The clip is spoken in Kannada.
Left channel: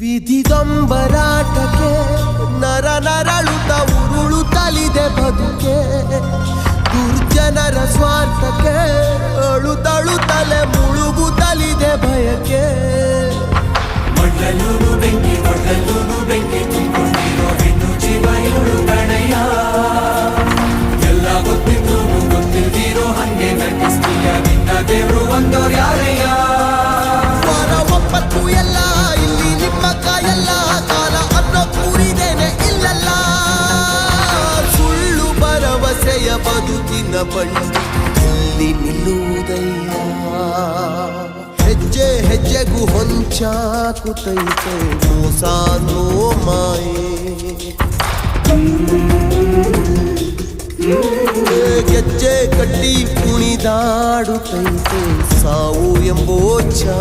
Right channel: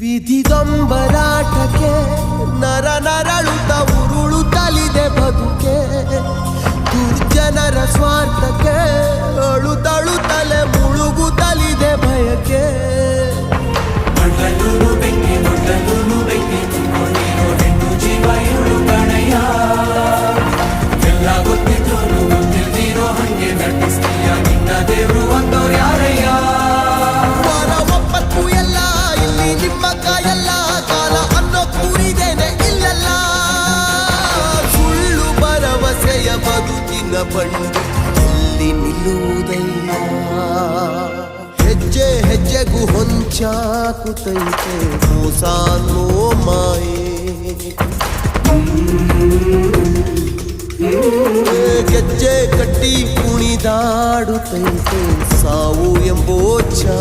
ವಿಧಿಗಂಬರಾಟಕ್ಕೆ ನರ ನರಳುತ್ತ ಉರುಳುತ್ತಲಿದೆ ಬದುಕೆ, ದುರ್ಜನರ ಸ್ವಾರ್ಥಕ್ಕೆ ಅಳುತ್ತಳುತ್ತಲೆ ಮುಳುಗುತ್ತಲಿದೆ ಭಯಕ್ಕೆ. ವಾರ ಒಪ್ಪತ್ತು ಎಲ್ಲ ಇಲ್ಲಿ ನಿಮ್ಮ ಕಾಯಲ್ಲ, ಕಾಲ ಅನ್ನೋ ಕೂರಿದೇನೆ ಇಲ್ಲಲ್ಲ. ಸುಳ್ಳು ಭರವಸೆಯ ಬದುಕಿನ ಬಂಡಿ ಎಲ್ಲಿ ನಿಲ್ಲುವುದಯ್ಯ. ಹೆಜ್ಜೆ ಹೆಜ್ಜೆಗೂ ಹೊಂಚಾಕುತ್ತೈತೆ ಮೋಸ ಅನ್ನೋ ಮಾಯೆ. ಗೆಜ್ಜೆ ಕಟ್ಟಿ ಕುಣಿದಾಡುತ್ತೈತೆ ಸಾವು ಎಂಬೋ ಛ